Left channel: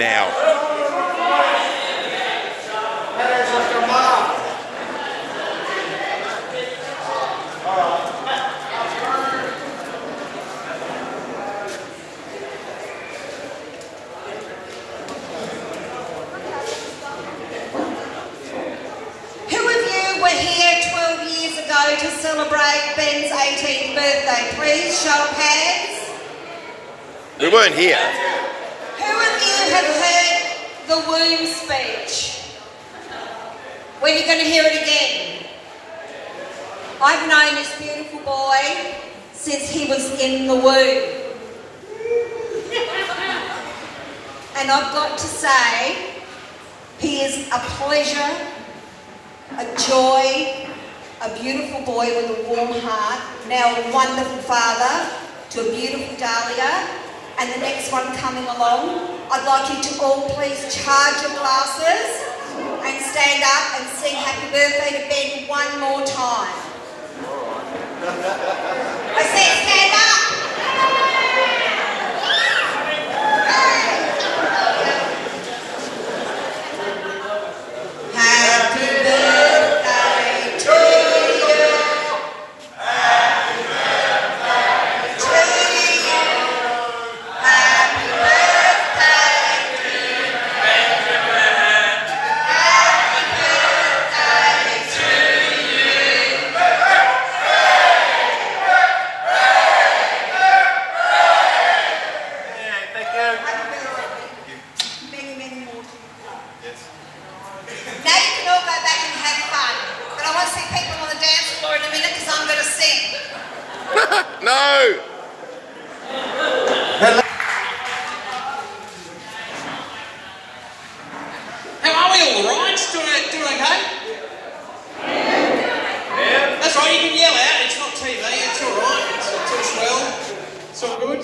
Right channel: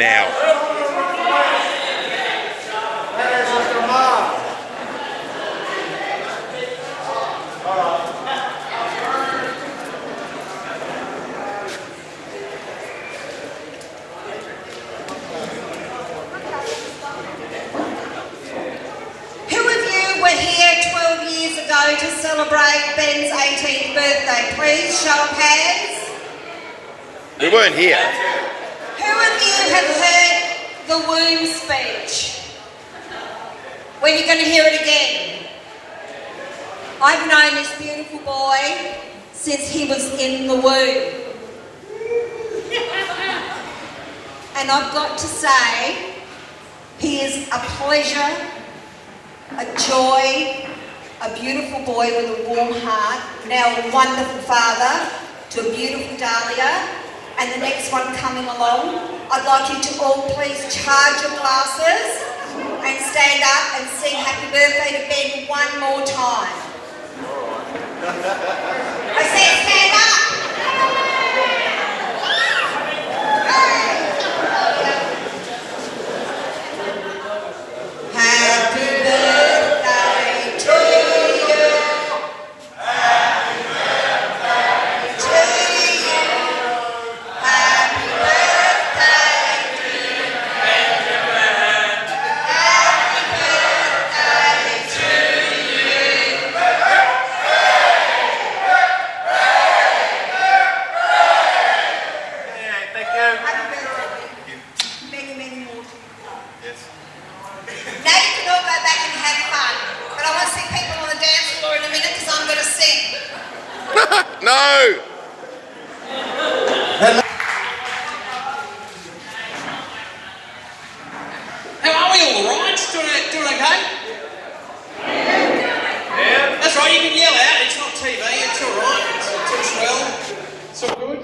now. To celebrate Ben's 18th birthday, please show of hands. We weren't here. Who of you have heard the womb speech? When are you going to hear it again? I've known this beautiful boy since he was in the womb. And I've got to say, he is a pleasure, a joy, a beautiful boy with a warm heart, now a wonderful father to a beautiful Dahlia, and the next one coming along. I'd like you to all please charge your glasses and stand up and sing happy birthday to Ben one more time. I said stand up! Happy birthday to you. Happy birthday to you. Happy birthday to you. Happy birthday to you. Thank you. Happy birthday. Many, many more to you. Yes. Now you can all go back and have fun. But I want to see people on the dance floor in a minute because I'm going to sing. No! How are we all right? Doing okay? Yeah. That's right, you can yell out. It's not TV, it's all right. It's all swell. It's all good.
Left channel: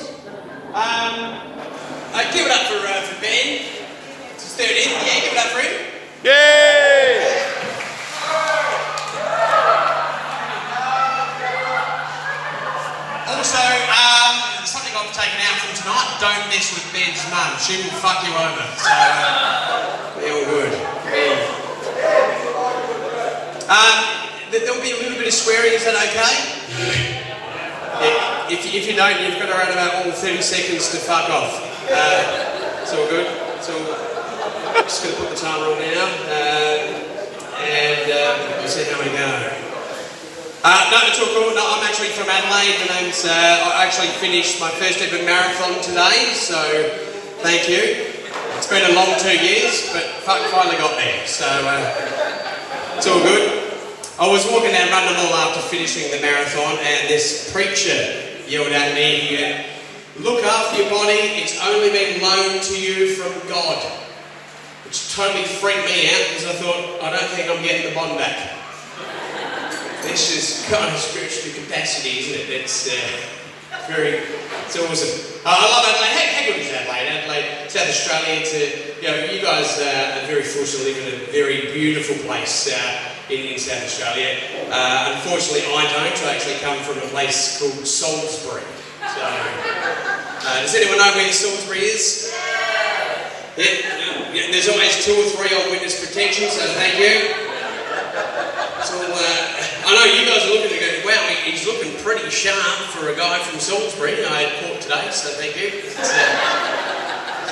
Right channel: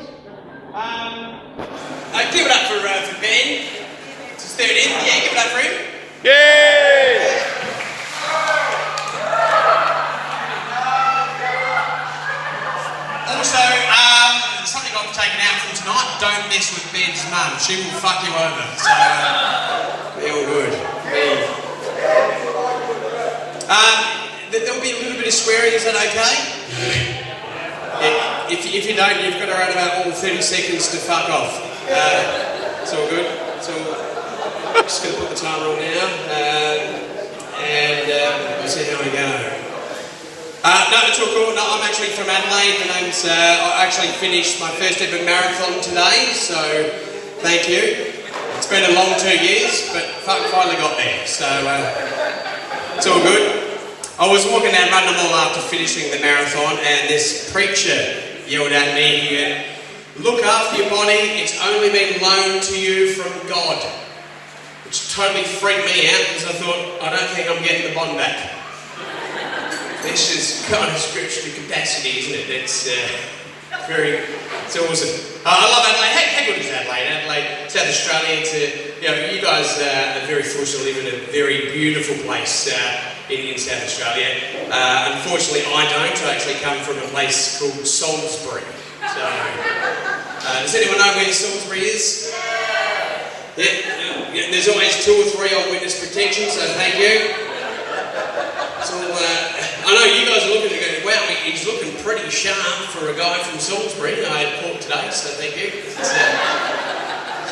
Give it up for Ben. It's his 13th. Yeah, give it up for him. Yay! Also, something I've taken out from tonight, don't mess with Ben's mum. She will fuck you over. So, be all good. There'll be a little bit of swearing, is that okay? Yeah. If you don't, you've got around about all 30 seconds to fuck off. It's all good. So, I'm just going to put the timer on now. We'll see how we go. No, it's all cool. No, I'm actually from Adelaide. My name's, I actually finished my first ever marathon today, so thank you. It's been a long 2 years, but finally got there, so it's all good. I was walking down Rundle after finishing the marathon, and this preacher yelled at me, he went, "Look after your body, it's only been loaned to you from God." Which totally freaked me out, because I thought, I don't think I'm getting the bond back. This is kind of scriptural capacity, isn't it? It's awesome. I love Adelaide. How good is Adelaide? Adelaide, South Australia. You guys are very fortunate to live in a very beautiful place in South Australia. Unfortunately, I don't. I actually come from a place called Salisbury. So, does anyone know where Salisbury is? Yeah, there's always 2 or 3 on witness protection, so thank you. So, I know you guys are looking and going, wow, he's looking pretty sharp for a guy from Salisbury. I had pork today, so thank you. It's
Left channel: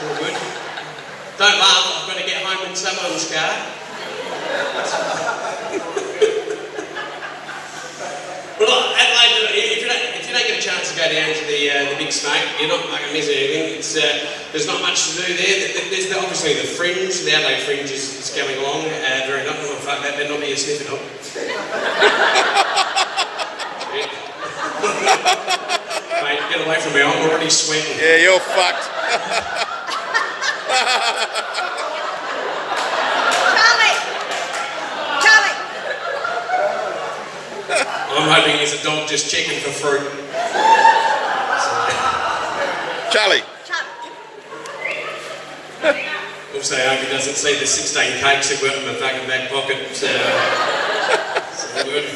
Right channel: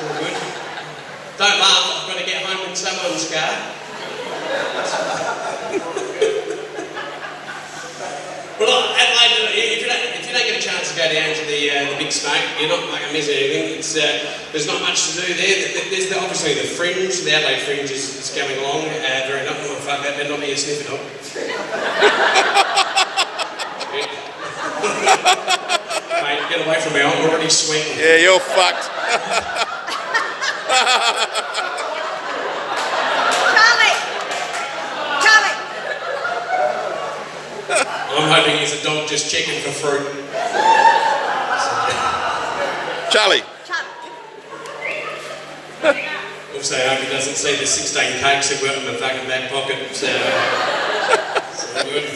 all good. Don't laugh, I've got to get home in someone's car. Well, Adelaide, if you don't get a chance to go down to the Big Smoke, you're not like missing anything. There's not much to do there. There's obviously the Fringe, the Adelaide Fringe is going along. Very enough, oh fuck, that better not be a sniffing up. Mate, get away from me, I'm already sweating. Yeah, you're fucked. I'm hoping he's a dog just checking for fruit. Charlie. Also, I hope he doesn't see the 16 cakes that were in the fucking back pocket. So good.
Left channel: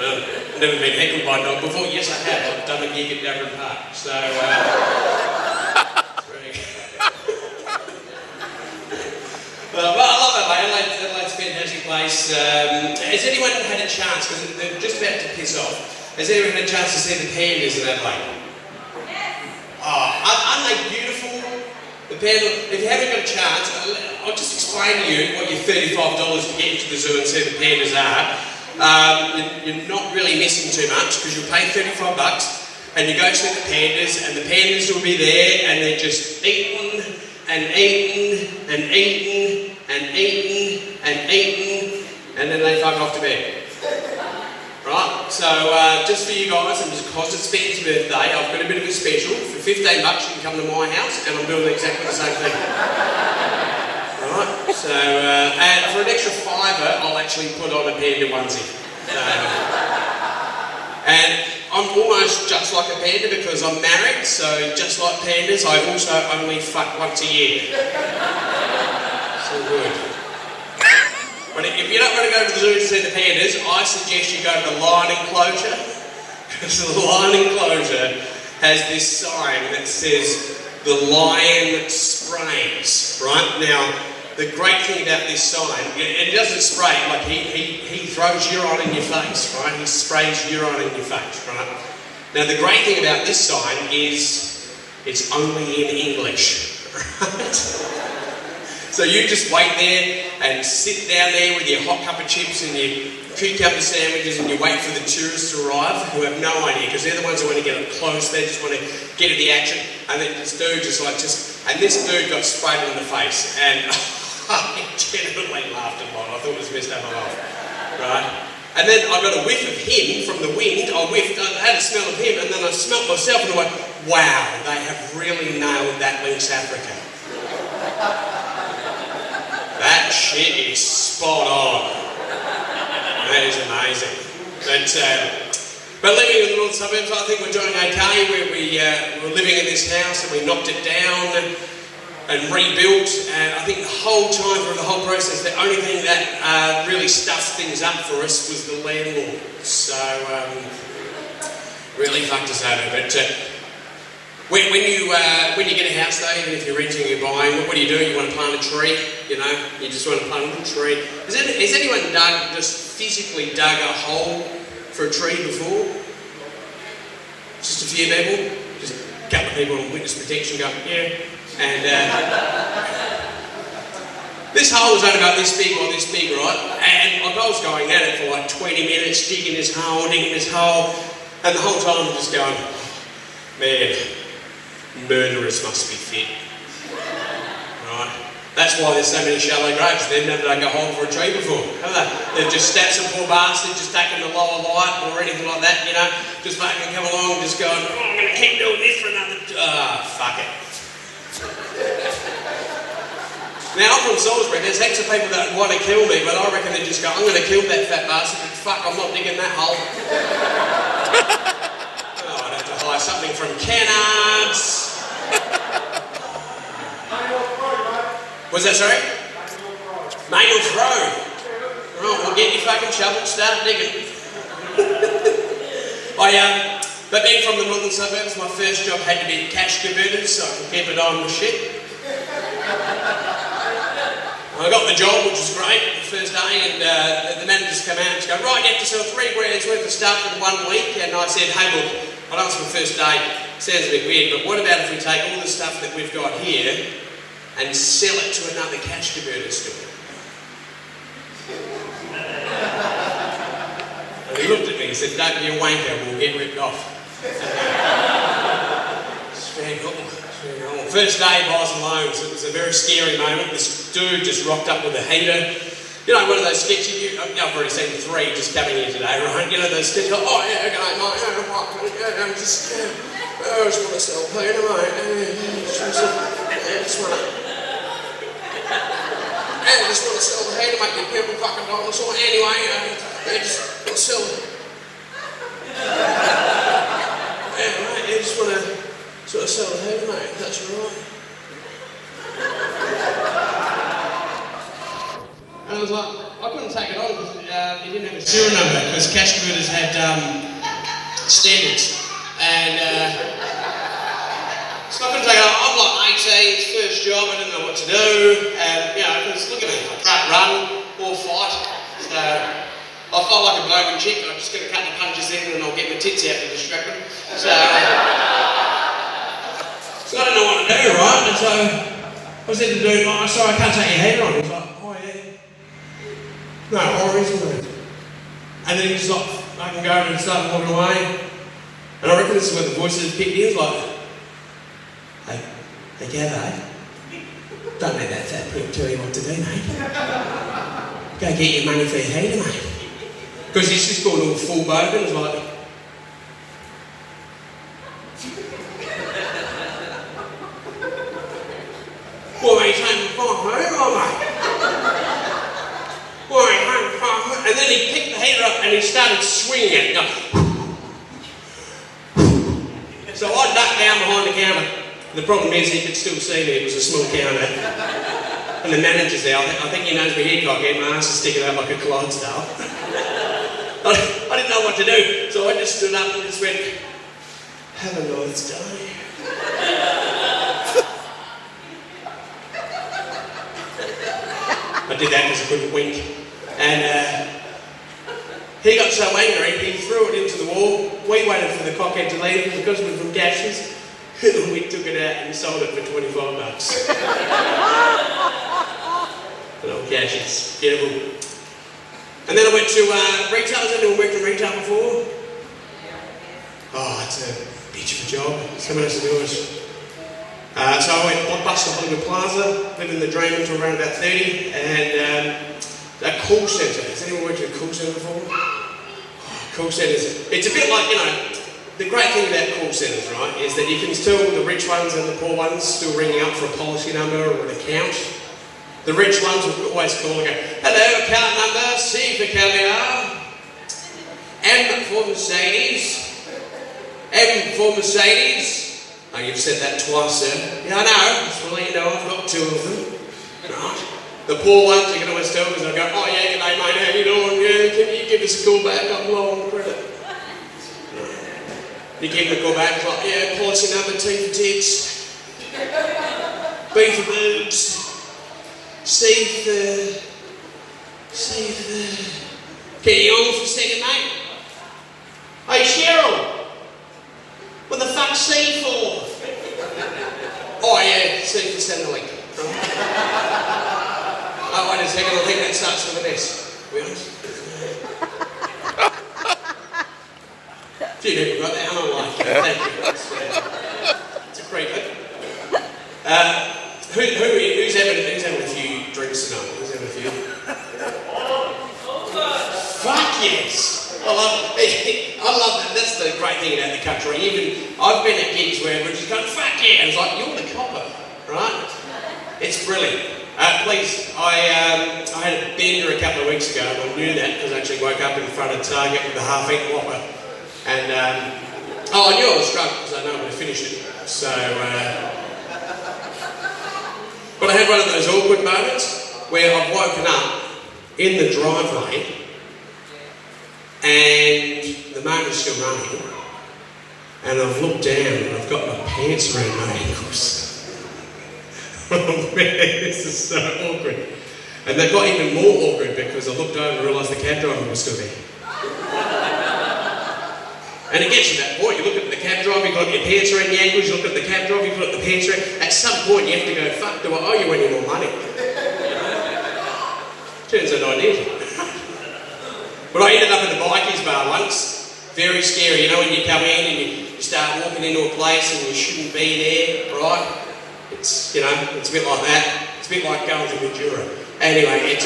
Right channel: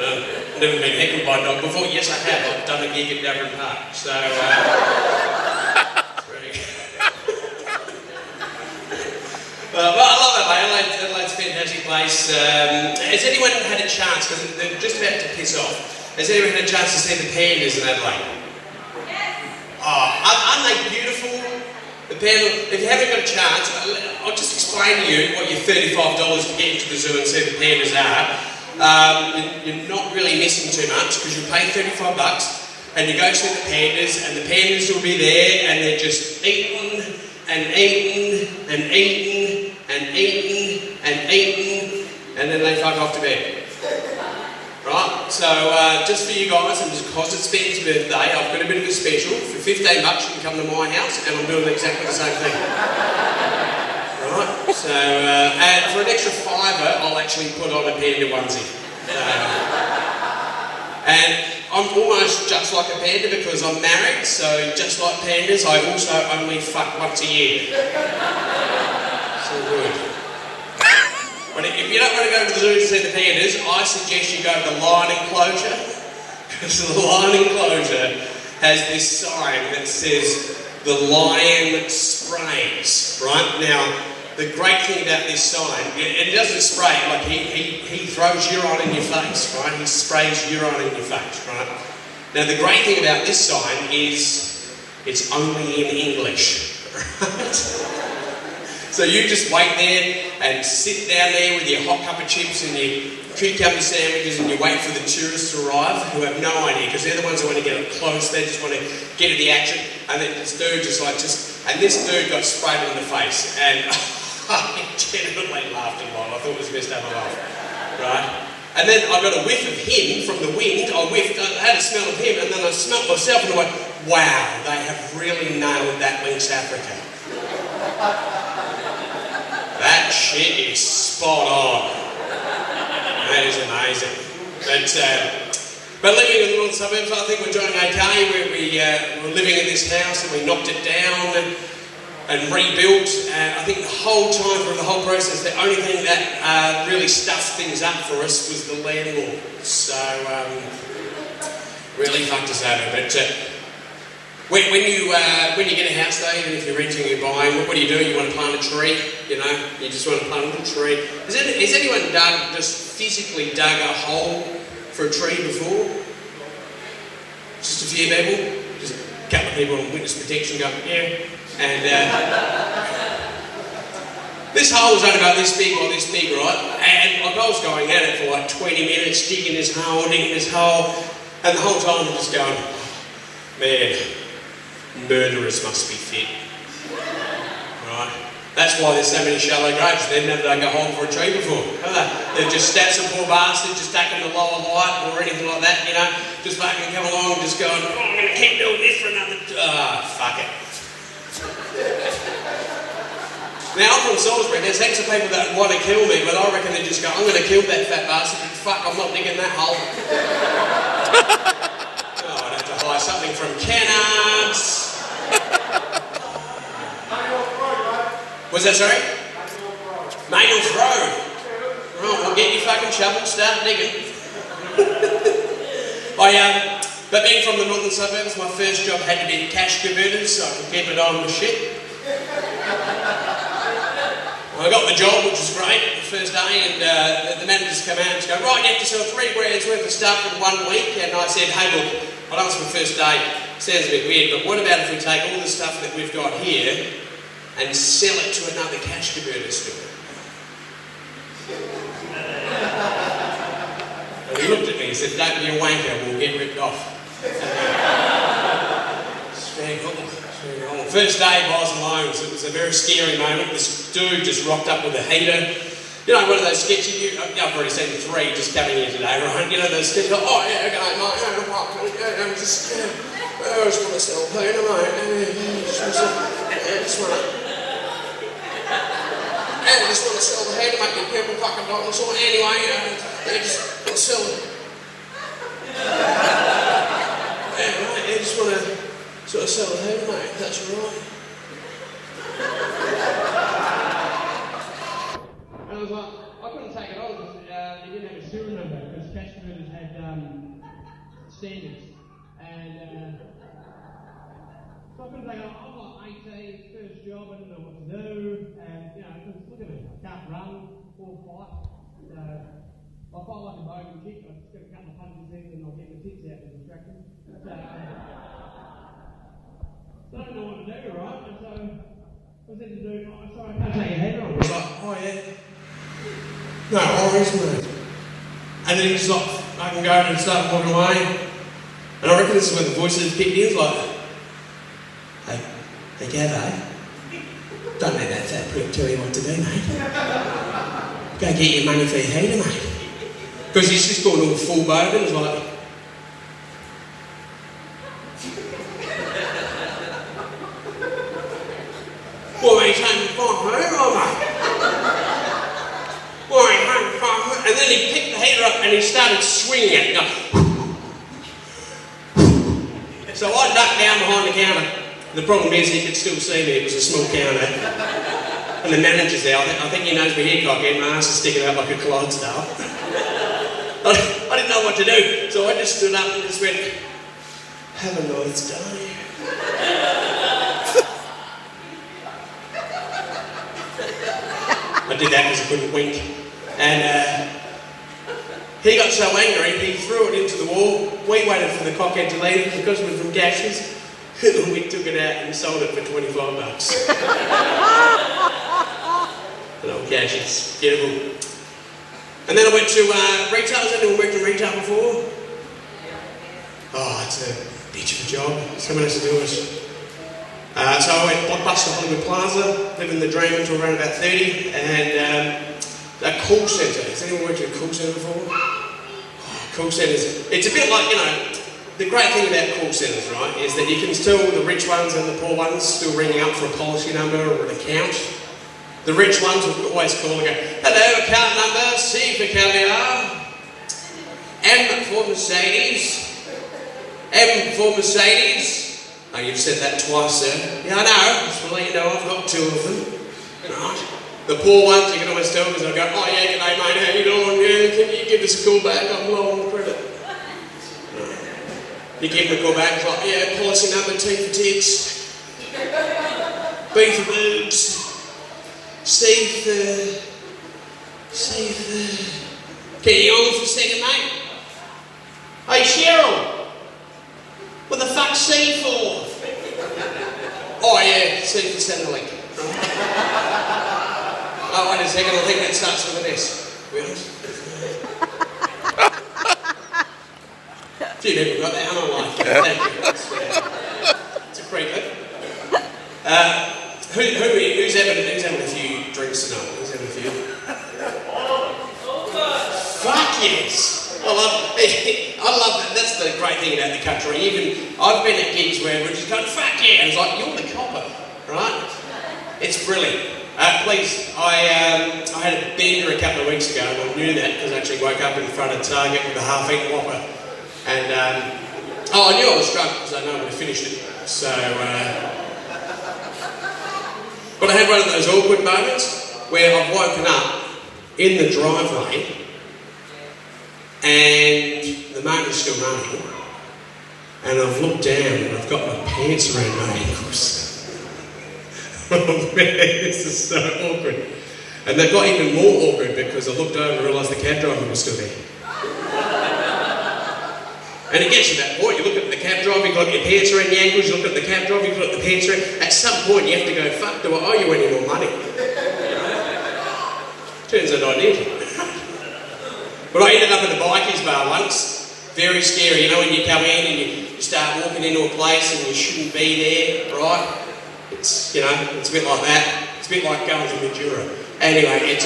I've never been heckled by a dog before. Yes, I have. I've done a gig at Darren Park. So, but I love Adelaide. Adelaide's a fantastic place. Has anyone had a chance, because they're just about to piss off, has anyone had a chance to see the pandas in Adelaide? Oh, aren't they beautiful? The panda, if you haven't got a chance, I'll just explain to you what your $35 to get into the zoo and see the pandas are. You're not really missing too much, because you pay $35 and you go see the pandas will be there, and they're just eating and eating and eating and eating and eating, and then they fuck off to bed. Right? So just for you guys, and because it's Ben's birthday, I've got a bit of a special. For $15 you can come to my house, and I'm doing exactly the same thing. Right? So, and for an extra $5, I'll actually put on a panda onesie. And I'm almost just like a panda because I'm married, so just like pandas, I also only fuck once a year. So good. But if you don't want to go to the zoo to see the pandas, I suggest you go to the lion enclosure, because the lion enclosure has this sign that says, "The lion sprays," right? Now, the great thing about this sign, and he doesn't spray it, like he throws urine in your face, right? He sprays urine in your face, right? Now the great thing about this sign is it's only in English, right? So you just wait there and sit down there with your hot cup of chips and your cucumber sandwiches, and you wait for the tourists to arrive who have no idea, because they're the ones who want to get up close, they just want to get at the action, and then this dude and this dude got sprayed in the face, and I genuinely laughed a lot. I thought it was the best day of my life, right? And then I got a whiff of him from the wind. I had a smell of him, and then I smelled myself, and I went, wow, they have really nailed that Lynx Africa. That shit is spot on. That is amazing. But living in the northern suburbs, I think we're doing okay. We're living in this house, and we knocked it down and rebuilt. I think the whole time through the whole process, the only thing that really stuffed things up for us was the landlord. So really fucked us over. But when you get a house though, even if you're renting or you're buying, what do? You want to plant a tree, you know? You just want to plant a little tree. Has anyone just physically dug a hole for a tree before? Just a few people? Just a couple of people on witness protection going, yeah. And this hole was only about this big, right? And I was going at it for like 20 minutes, digging this hole, and the whole time I'm just going, man, murderers must be fit. Right? That's why there's so many shallow graves. They've never dug a hole for a tree before, have they? They've just stabbed some poor bastard, just taken the lower light or anything like that, you know, just fucking come along and just going, oh, I'm going to keep doing this for another... fuck it. Now, I'm from Salisbury. There's heaps of people that want to kill me, but I reckon they just go, I'm going to kill that fat bastard, but fuck, I'm not digging that hole. Oh, I'd have to hire something from Kennards. Was that, sorry? Maynolds Road. Oh, well, get your fucking shovel, start digging. But then from the northern suburbs, my first job had to be cash converters, so I could keep it on the shit. I got the job, which was great, the first day, and the managers come out and go, right, you have to sell $3 grand worth of stuff in 1 week. And I said, hey, look, I know it's my first day, sounds a bit weird, but what about if we take all the stuff that we've got here and sell it to another cash converter store? And he looked at me and said, don't be a wanker, we'll get ripped off. First day, I was alone, so it was a very scary moment. This dude just rocked up with a heater. You know, one of those sketchy, I've already seen the 3 just coming in today, right? You know, those sketchy, oh yeah, okay, mate, I just want to sell heater, mate. I just want to sell the heater, mate, you people fucking dinosaur. Anyway, I just want to sell it. Yeah, right, you just want to sell the heater, mate, that's right. And I was like, I couldn't take it on because he didn't have a serial number, because cash converters had standards. And so I couldn't take it on. I'm like 18, first job, I didn't know what to do, and, you know, because look at me, I can't run or fight, so I felt like a bloke and chick, I'm just going to cut the punches in and I'll get my tits out to distract them. So I didn't know what to do, right? And so I said to the dude, oh, sorry, I can't take your heater on. He's like, oh yeah. No worries, mate. And then he's like, I can go and start walking away. And I reckon this is when the voices picked in, like, hey, Gabbo, don't let that fat prick tell you what to do, mate. Go get your money for your heater, mate. Because he's just gone all full bogan, it's like, well, he can't find her, mate. Well, he can't find her. And then he picked the heater up and he started swinging it. So I ducked down behind the counter. The problem is he could still see me, it was a small counter. And the manager's there, I think he knows my hair cock, my ass is sticking out like a Clydesdale. I didn't know what to do, so I just stood up and just went, have a nice day. I did that because I couldn't wink. And he got so angry, he threw it into the wall. We waited for the cockhead to leave because of the gashes. And we took it out and sold it for 25 bucks. Good old gashes. Beautiful. And then I went to retail. Has anyone worked in retail before? Oh, it's a bitch of a job. Someone has to do it. So I went Blockbuster in the Plaza, lived in the dream until around about 30, and a call centre. Has anyone worked in a call centre before? Oh, call centres. It's a bit like, you know, the great thing about call centres, right, is that you can still, the rich ones and the poor ones, still ringing up for a policy number or an account. The rich ones will always call and go, hello, account number, C for caviar, M for Mercedes, M for Mercedes. Oh, you've said that twice, sir. Yeah, I know, just to let you know I've got two of them. Right. The poor ones, you can always tell because they'll go, oh yeah, g'day mate, how you doing? Yeah, can you give us a call back? I'm low on credit. You give them a call back, it's like, yeah, policy number, T for tits, B for boobs, C for... Can you hold on for a second, mate? Hey, Cheryl, what the fuck's C for? Oh yeah, C for Centrelink. Oh, wait a second, I think that starts with an S. Really? A few people got that, and I like it. Thank you. It's a creeper. Who's having a few drinks tonight? Who's having a few? Fuck yes! I love it. I love that. That's the great thing about the country. Even I've been at gigs where we're just going, fuck yeah! And it's like, you're the copper, right? It's brilliant. Please, I had a bender a couple of weeks ago, and I knew that because I actually woke up in front of Target with a half-eaten Whopper. And, I knew I was drunk because I know we finished it. So, but I had one of those awkward moments where I've woken up in the driveway and the motor's still running, and I've looked down and I've got my pants around my ankles. Oh man, this is so awkward. And they've got even more awkward because I looked over and realised the cab driver was still there. And it gets to that point, you look at the cab driver, you've got your pants around your ankles, you look at the cab driver, you've got the pants around. At some point you have to go, fuck, do I owe you any more money? Turns out I did. But I ended up at the bikies bar once. Very scary, you know, when you come in and you start walking into a place and you shouldn't be there, right? It's, you know, it's a bit like that. It's a bit like going to Mildura. Anyway,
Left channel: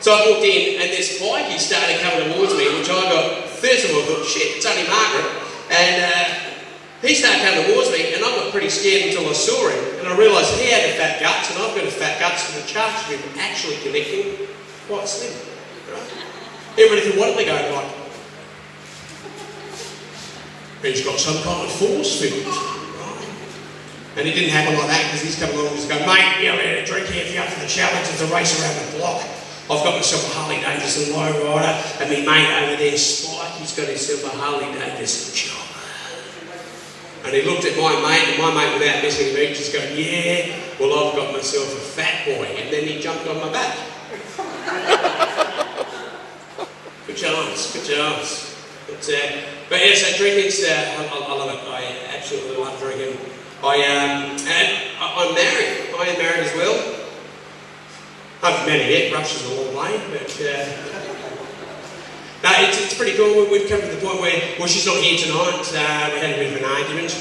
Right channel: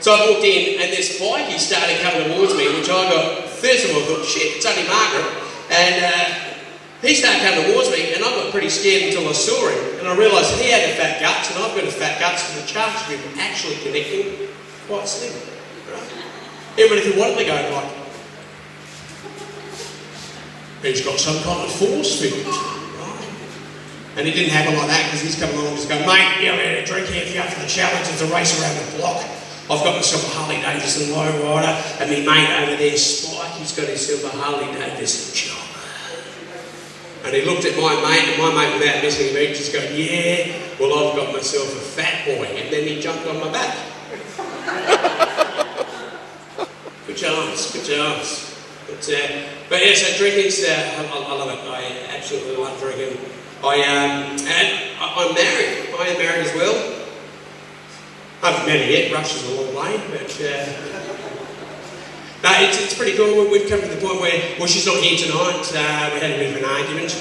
so I walked in and this bikie started coming towards me, which I got, first of all I thought, shit, it's only Margaret. And he started coming towards me and I got pretty scared until I saw him. And I realised he had a fat guts and I've got a fat guts and the chances of him actually connecting quite slim. Right? Everybody thought, what are they going like? He's got some kind of force field. And it didn't happen like that because he's come along and he's going, mate, you're having a drink here if you're up for the challenge. It's a race around the block. I've got myself a Harley Davidson low rider, and my mate over there, Spike, he's got himself a Harley Davidson chopper. And he looked at my mate, and my mate, without missing a beat, just going, yeah, well, I've got myself a fat boy. And then he jumped on my back. Good chance, good chance. But yeah, so drinking's, I love it. I absolutely love drinking. I'm married. I am married as well. I haven't met her yet, Russia's a long way, but no, it's pretty cool. We've come to the point where, well, she's not here tonight. We had a bit of an argument.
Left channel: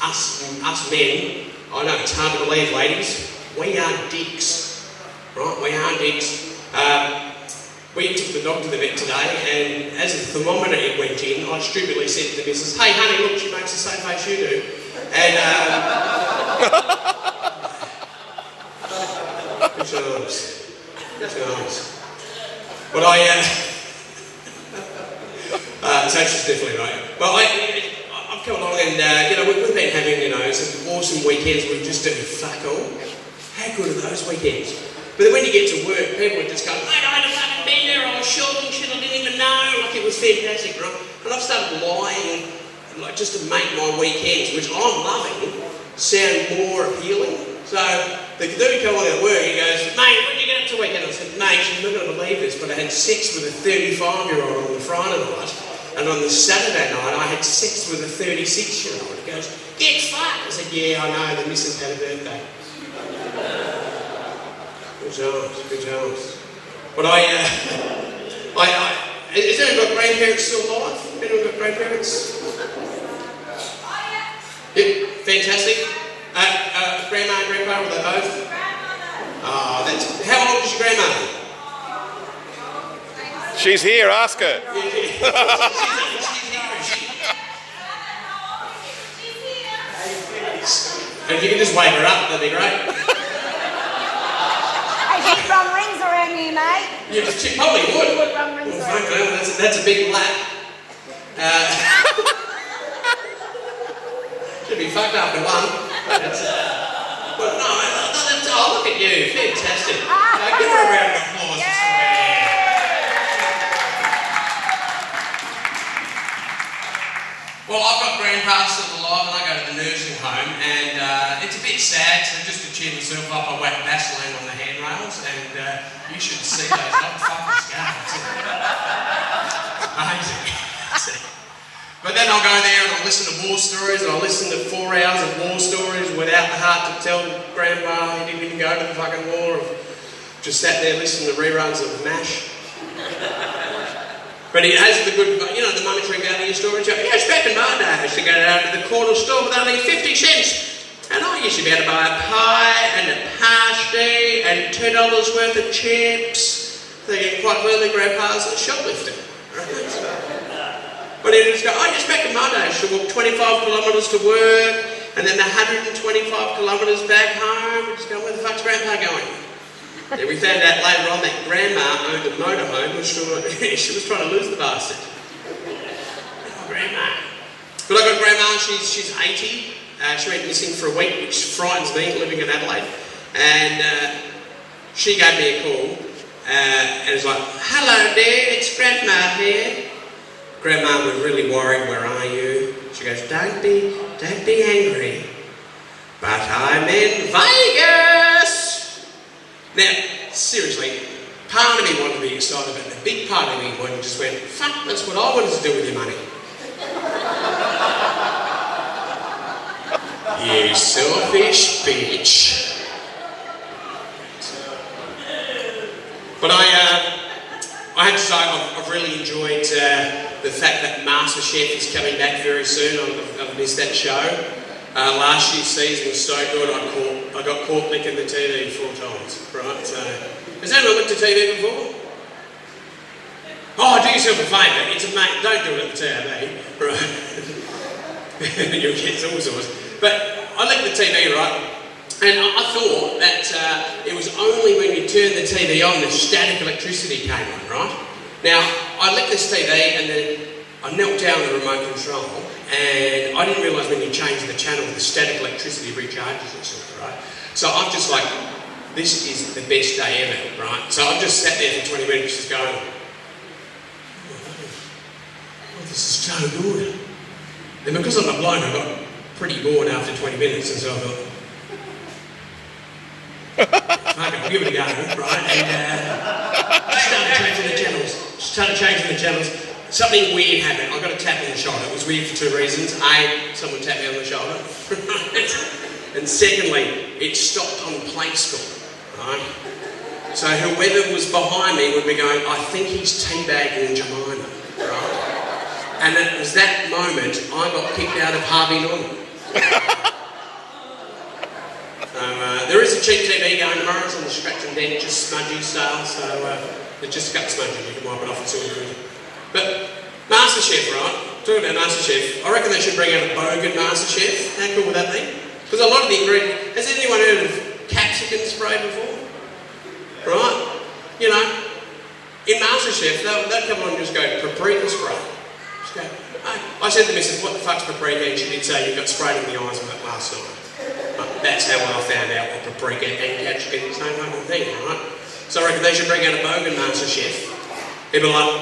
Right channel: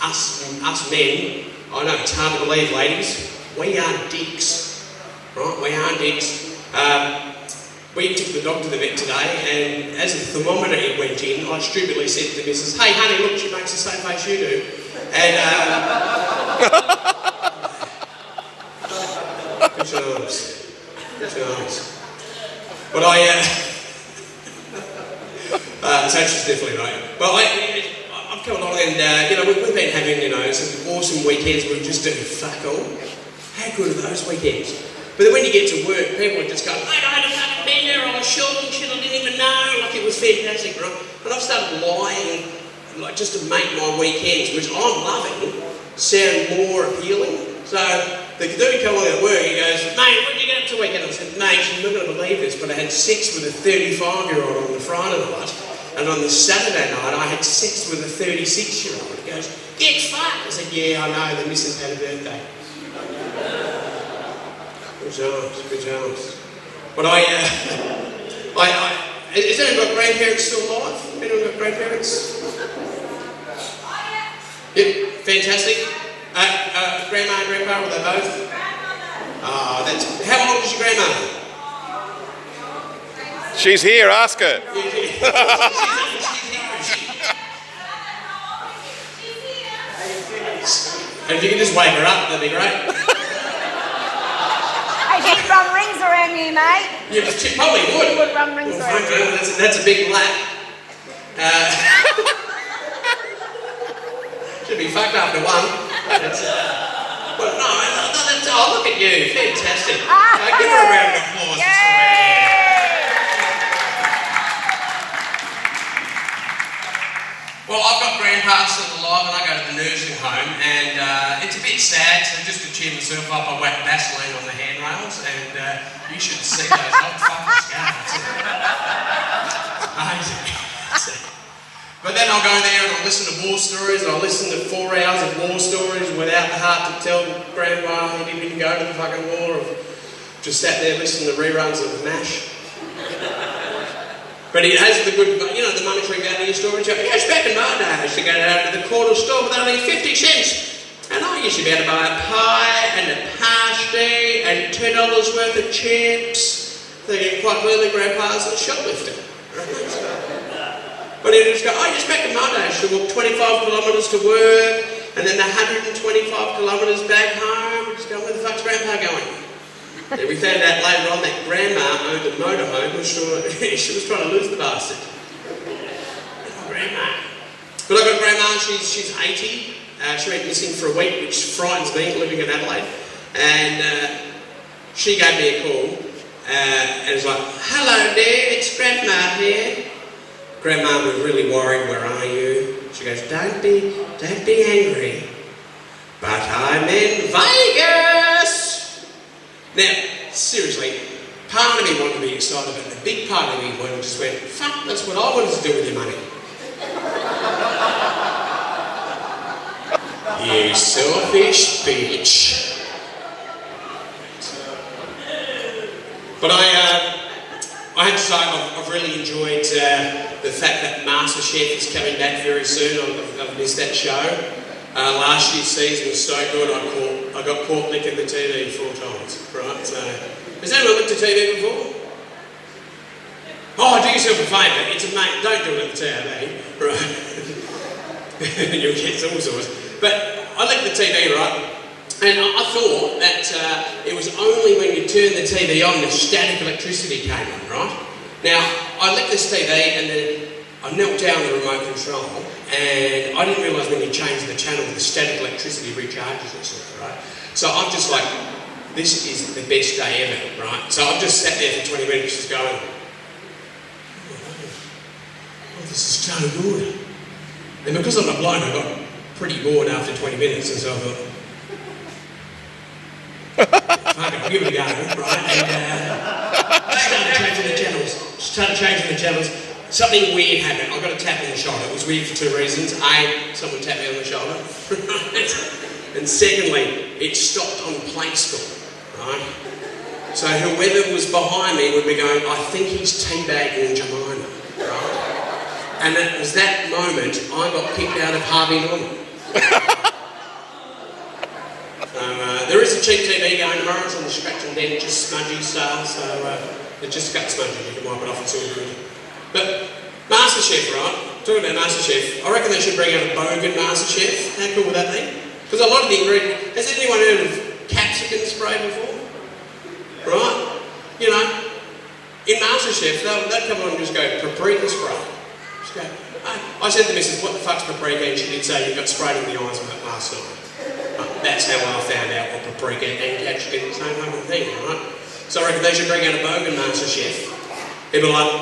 Us men, I know it's hard to believe, ladies, we are dicks, right? We are dicks. We took the dog to the vet today, and as the thermometer went in, I stupidly said to the missus, "Hey, honey, look, she makes the same face you do." And good times. But so she's definitely right. But I've come along, and we've been having some awesome weekends. We've just done fuck all. How good are those weekends? But then when you get to work, people are just going, "I don't want to fucking be there. I was shopping shit. I didn't even know." Like, it was fantastic, right? But I've started lying, like, just to make my weekends, which I'm loving, sound more appealing. So the dude come on at work, he goes, "Mate, what did you get up to weekend?" I said, "Mate, you're not going to believe this, but I had sex with a 35-year-old on the Friday night, and on the Saturday night I had sex with a 36-year-old. He goes, "Get fucked." I said, "Yeah, I know, the missus had a birthday." Good times. But is anyone got grandparents still alive? Anyone got grandparents? Yep, fantastic. Grandma and grandpa, were they both? Oh, how old is your grandma? She's here, ask her. And if you can just wake her up, that'd be great. Hey, he'd run rings around me, mate. Yeah, she probably would. He would run rings around me. That's a big lap. Should be fucked up to one. But no, look at you. Fantastic. Give her a round of applause. Well, I've got grandpa still alive, and I go to the nursing home, and it's a bit sad, so just to cheer myself up, I wet Vaseline on the handrails, and you should see those hot fucking scars. Amazing. But then I'll go there and I'll listen to war stories, I'll listen to 4 hours of war stories without the heart to tell grandma he didn't even go to the fucking war, or just sat there listening to reruns of MASH. But it has the good, the monetary value story. Yes, back in my day, I used to go down to the corner store with only 50 cents. And I used to be able to buy a pie and a pasty and $10 worth of chips. Thinking quite clearly grandpa's a shoplifter. But he'd just go, just back in my day, I used to walk 25 kilometres to work, and then 125 kilometres back home. Just going, where the fuck's grandpa going? Yeah, we found out later on that grandma owned a motorhome, and she was trying to lose the bastard. Oh, grandma. But I've got grandma, she's 80. She went missing for a week, which frightens me, living in Adelaide. And she gave me a call, and it was like, "Hello there, it's grandma here." Grandma was really worried, "Where are you?" She goes, Don't be angry, but I'm in Vegas." Now, seriously, part of me wanted to be excited, but the big part of me just went, "Fuck, that's what I wanted to do with your money." You selfish bitch. But I have to say, I've really enjoyed the fact that MasterChef is coming back very soon. I've missed that show. Last year's season was so good, I got caught licking the TV 4 times, right? So, has anyone licked the TV before? Oh, do yourself a favour, don't do it at the TV, right? You'll get all sorts. But I licked the TV, right? And I thought that it was only when you turned the TV on, the static electricity came on, right? Now, I licked this TV and then I knelt down the remote control, and I didn't realise when you change the channel, the static electricity recharges itself, right? So I'm just like, this is the best day ever, right? So I've just sat there for 20 minutes just going, oh, this is so good. And because I'm a bloke, I got pretty bored after 20 minutes, and so I thought, okay, I'll give it a go, right? And started changing the channels. Something weird happened. I got a tap on the shoulder. It was weird for two reasons. A, someone tapped me on the shoulder. And secondly, it stopped on play school, right? So whoever was behind me would be going, I think he's teabagging Jemima, right? And it was that moment I got kicked out of Harvey Norman. There is a cheap TV going tomorrow. It's on the Scratch and Dent, just smudgy style, so it just got smudgy. You can wipe it off, it's all good. But MasterChef, right? Talking about MasterChef, I reckon they should bring out a Bogan MasterChef. How cool would that be? Because a lot of the ingredients... Has anyone heard of capsicum spray before? Right? You know, in MasterChef, they'll come on and just go, paprika spray. Just go, hey. I said to Mrs. what the fuck's paprika? And she did say you got sprayed in the eyes with it last night. That's how I found out what paprika and capsicum is the same fucking thing, right? So I reckon they should bring out a Bogan MasterChef. People like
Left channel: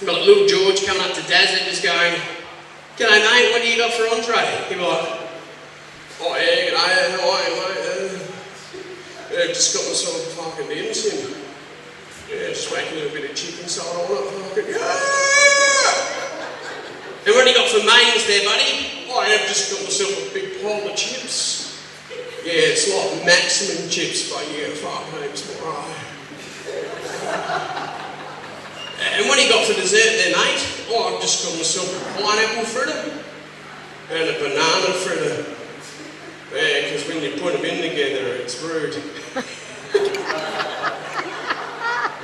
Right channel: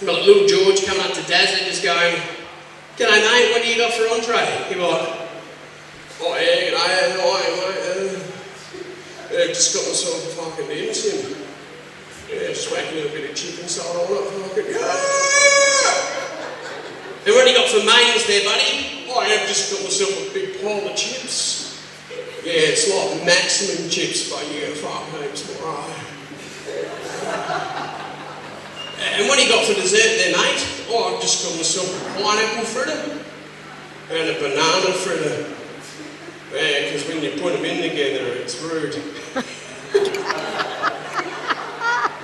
little George coming up to Daz and just going, g'day mate, what do you got for entree? People like, oh yeah, mate, just got myself a fucking dancing. Yeah, just whack a little bit of chicken salt on it, fucking, yeah! And what do you got for mains there, buddy? Oh, I've just got myself a big pile of chips. Yeah, it's like maximum chips, but you get fuck names, right? And what do you got for dessert there, mate? Oh, I've just got myself a pineapple fritter and a banana fritter. Yeah, because when you put them in together, it's rude.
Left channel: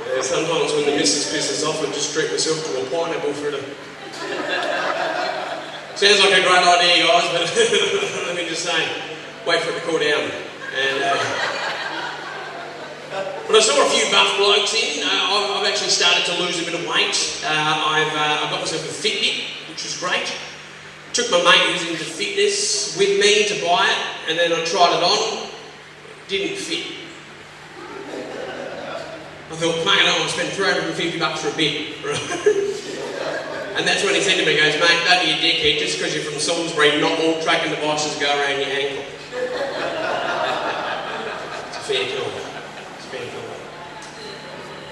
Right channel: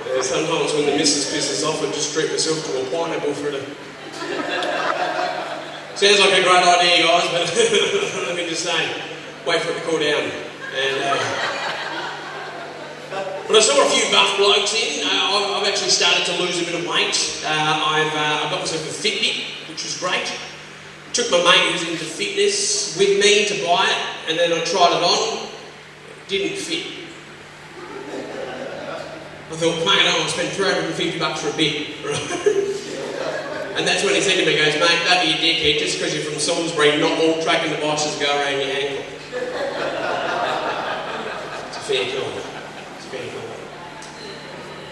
Yeah, sometimes when the missus pisses off, I just treat myself to a pineapple fritter. Sounds like a great idea, guys, but let me just say, wait for it to cool down. And, but I saw a few buff blokes in. I've actually started to lose a bit of weight. I've got myself a Fitbit, which was great. Took my mate who's into fitness with me to buy it, and then I tried it on. It didn't fit. I thought, mate, I want to spend $350 for a bit. And that's when he said to me, he goes, mate, don't be a dickhead, just because you're from Salisbury, not all tracking devices go around your ankle. It's a fair call.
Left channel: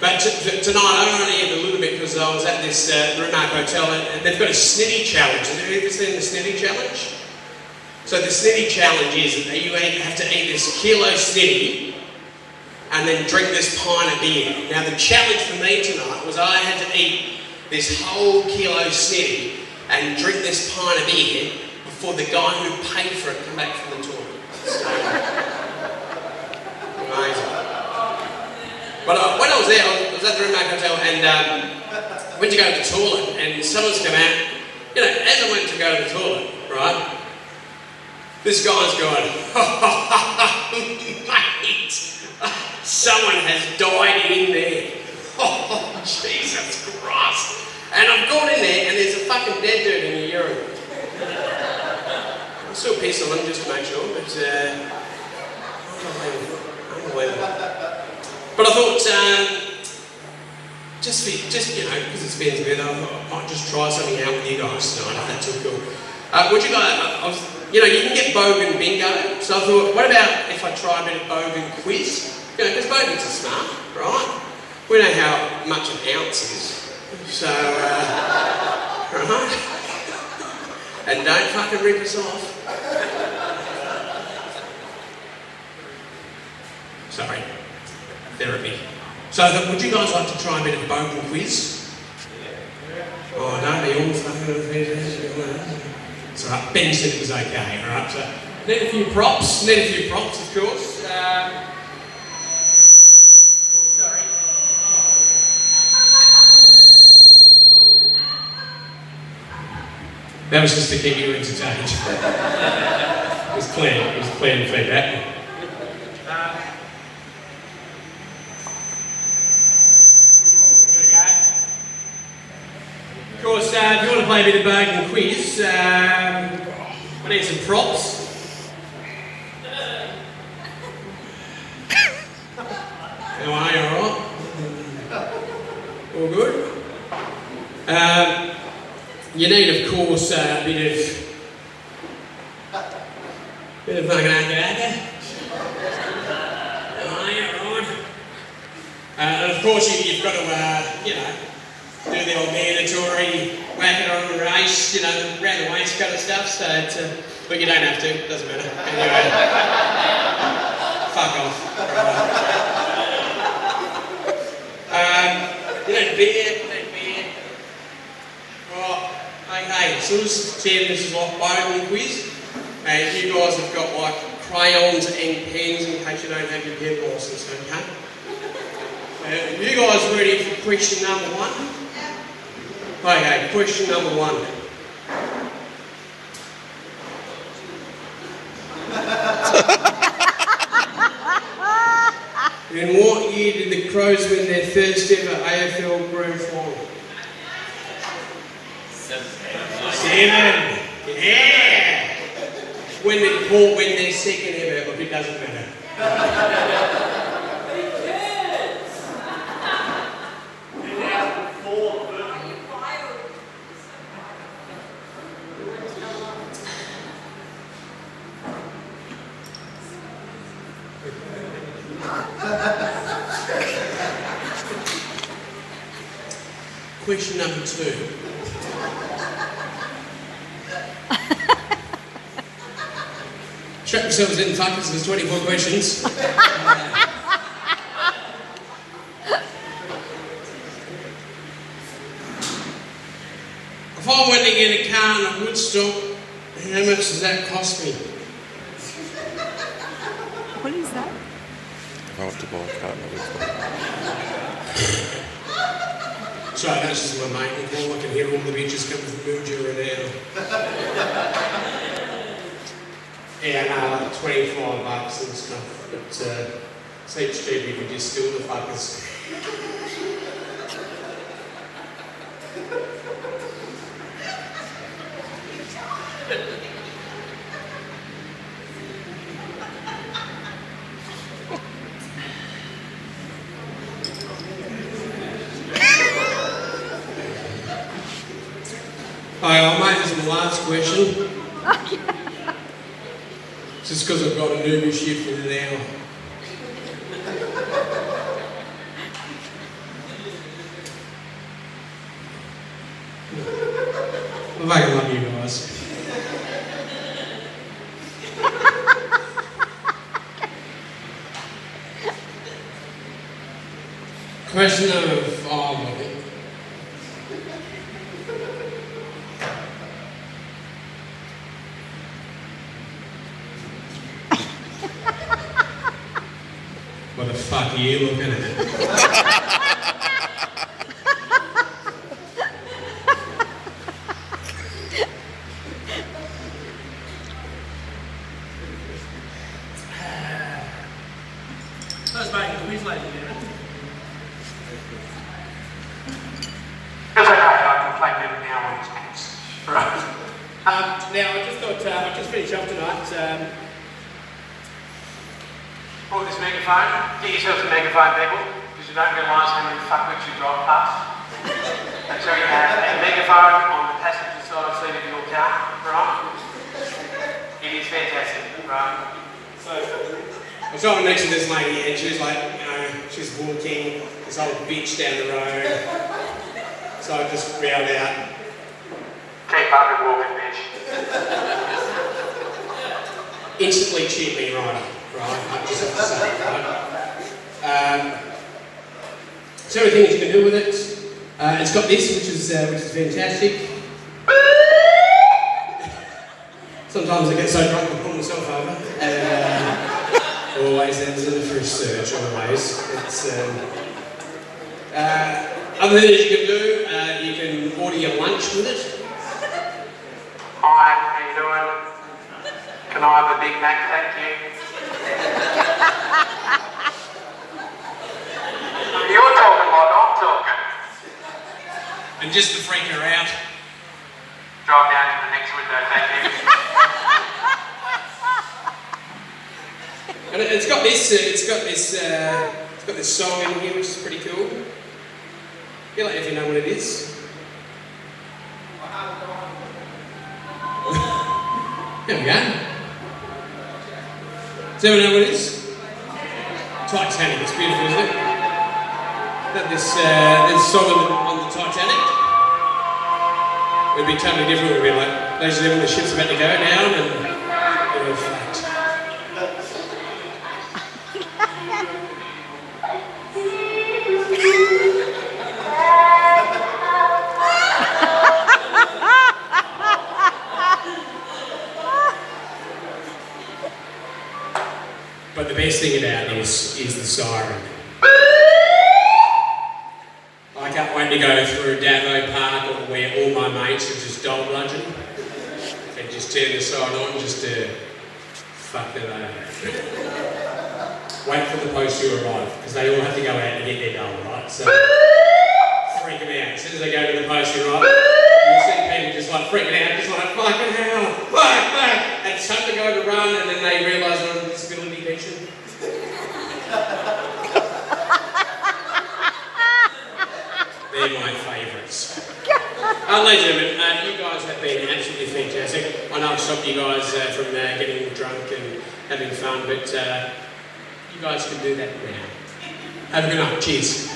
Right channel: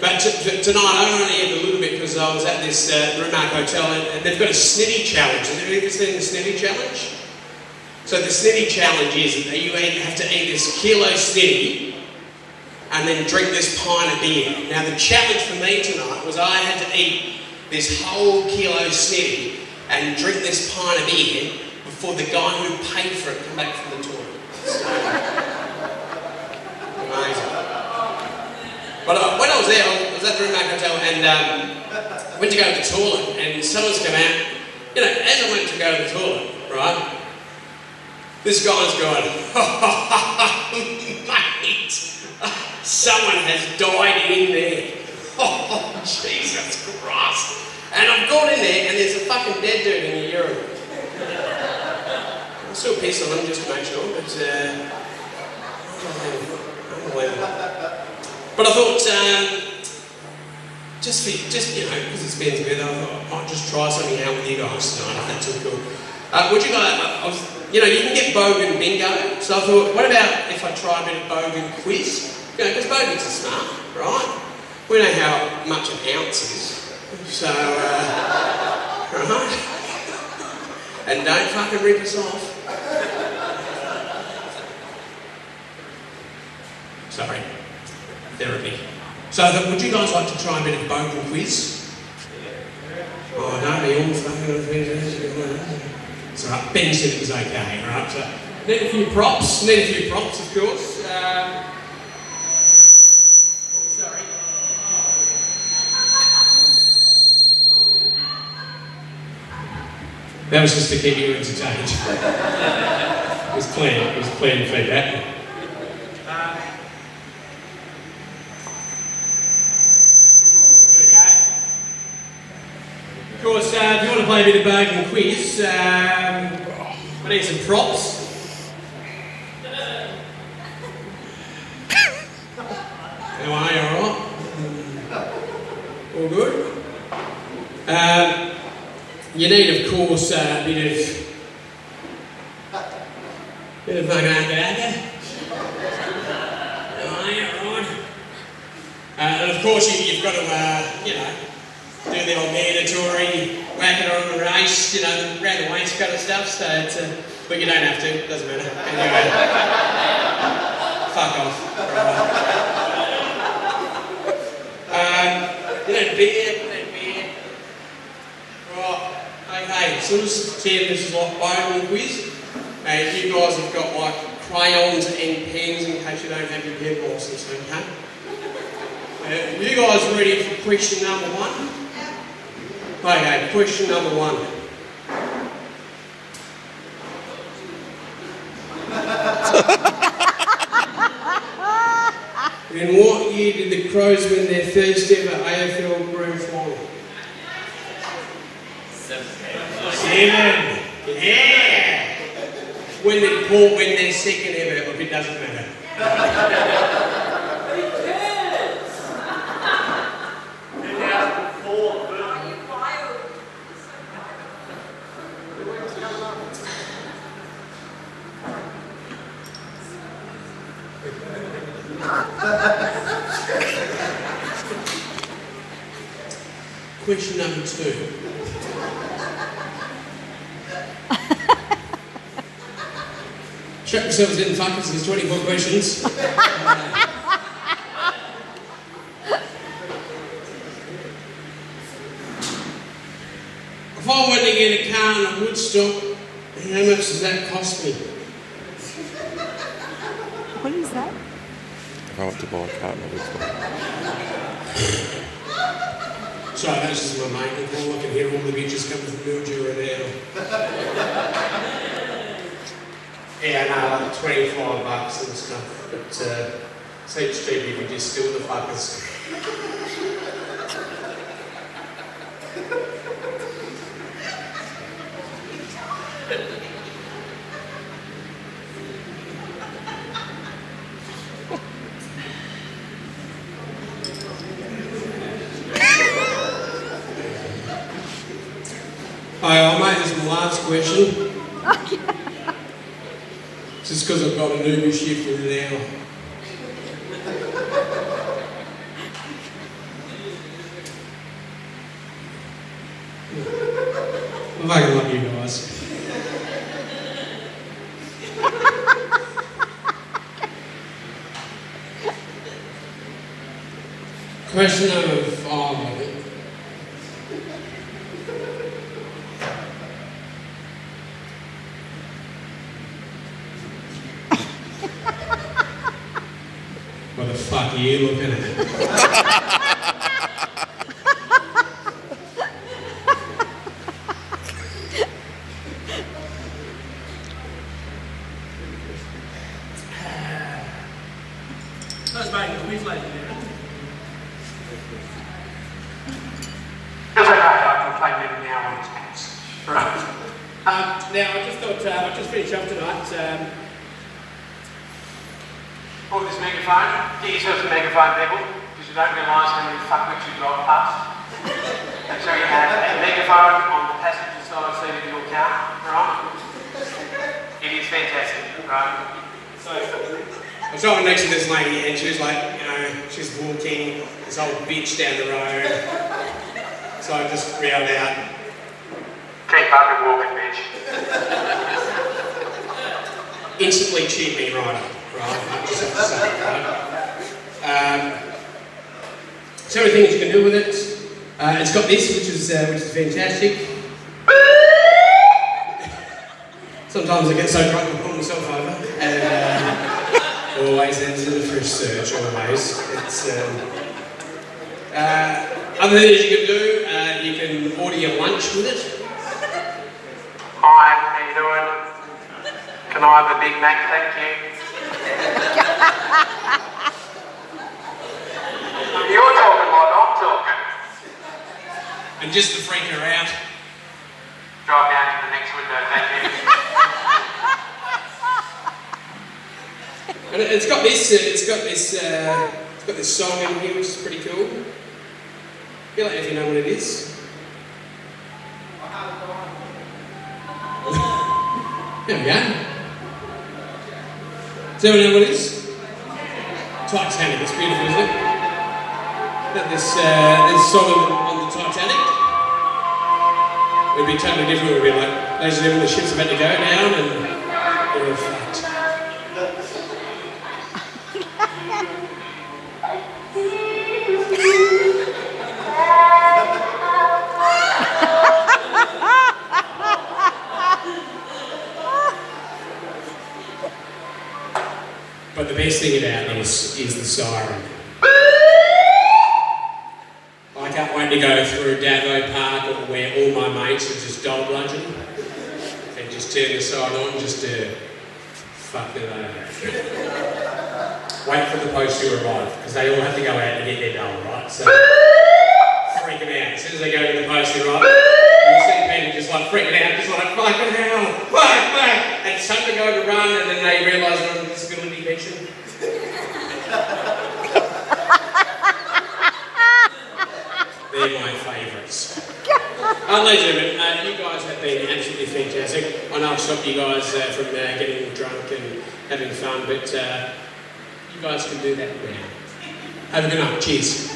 But tonight I only had a little bit because I was at this Rimac Hotel and they've got a snitty challenge. Have you ever seen the snitty challenge? So the snitty challenge is that you have to eat this kilo snitty and then drink this pint of beer. Now the challenge for me tonight was I had to eat this whole kilo snitty and drink this pint of beer before the guy who paid for it came back from the toilet. So, amazing. But when I was there, I was at the Rimac Hotel and I went to go to the toilet and someone's come out. You know, as I went to go to the toilet, right, this guy's going, mate, someone has died in there. Oh, Jesus Christ. And I've gone in there and there's a fucking dead dude in the urinal. I'm still pissed on him just to make sure, but unbelievable. But I thought, just you know, because it's been together, I thought I might just try something out with you guys tonight, if that's all cool. Would you guys, you know, you can get Bogan bingo, so I thought, what about if I try a bit of Bogan quiz? You know, because Bogans are smart, right? We know how much an ounce is, so, right? And don't fucking rip us off. Sorry. Therapy. So, would you guys like to try a bit of Bogan quiz? Oh, don't be all fucking... So, Ben said it was okay, alright? So, need a few props, of course. Sorry. That was just to keep you entertained. It was clean feedback. Of course, if you want to play a bit of Bogan quiz, I need some props. How are you, alright? All good? You need, of course, a bit of dagger. Right. And of course, you've got to, you know, do the old mandatory whack it on the race, you know, around the waistcoat and stuff. So it's, but you don't have to. It doesn't matter. Anyway, fuck off. You don't beer. Right. Okay. So this is like bone quiz. If you guys have got like crayons and pens in case you don't have your pen license, okay? You guys ready for question number one? Okay, question number one. In what year did the Crows win their first ever AFL Grand Final? 7. Yeah! When did Port win their second ever? Look, it doesn't matter. Question number 2. Strap yourselves in, fuckers, there's 24 questions. If I went to get a car in a Woodstock, how much does that cost me? What is that? If I want to buy a car in a Woodstock. Sorry, that's just my mate. I can hear all the bitches coming from Mildura now. Yeah, no, like 25 bucks and stuff, but seems cheap if you just steal the fuckers. I'll make this my last question. Just because I've got a new shift in an hour. I fucking love you guys. Question number 5, I think. What the fuck are you looking at? That's making a quiz lady, you know. It's okay, I can claim them now on his pants. Right. Now, I just thought, I just finished off tonight. Pull this megaphone. Get yourself some megaphone, people, because you don't realise how many fuckwits you drive past. And so you have a megaphone on the passenger side seat of your car, right? It is fantastic, right? So, I was driving next to this lady and she was like, you know, she's walking this old bitch down the road. So I just yelled out, Keep fucking walking, bitch. instantly cheered me right up. Right, just have to say, right? So many things you can do with it. It's got this, which is fantastic. Sometimes I get so drunk I pull myself over. Always ends in for a search, always. It's, other things you can do, you can order your lunch with it. Hi, how you doing? Can I have a Big Mac, thank you? You're talking like I'm talking. And just to freak her out. Drive down to the next window, thank you. And it's got this song in here, which is pretty cool. Feel like if you know what it is. There we go. Does anyone know what it is? Titanic, it's beautiful, isn't it? This song on the Titanic. We'd be totally different. We'd be like, those are when the ship's about to go down and we're fucked. But the best thing about this is the siren. I can't wait to go through Davo Park where all my mates are just dog lunching and just turn the siren on just to fuck them over. Wait for the post to arrive because they all have to go out and get their dole, right? So freak them out. As soon as they go to the post to arrive, you'll see people just like freaking out, just like fucking hell, fuck. And some are going to run and then they realise they're on a disability pension. They're my favourites. Ladies and gentlemen, you guys have been absolutely fantastic. I know I've stopped you guys from getting drunk and having fun, but you guys can do that now. Have a good night. Cheers.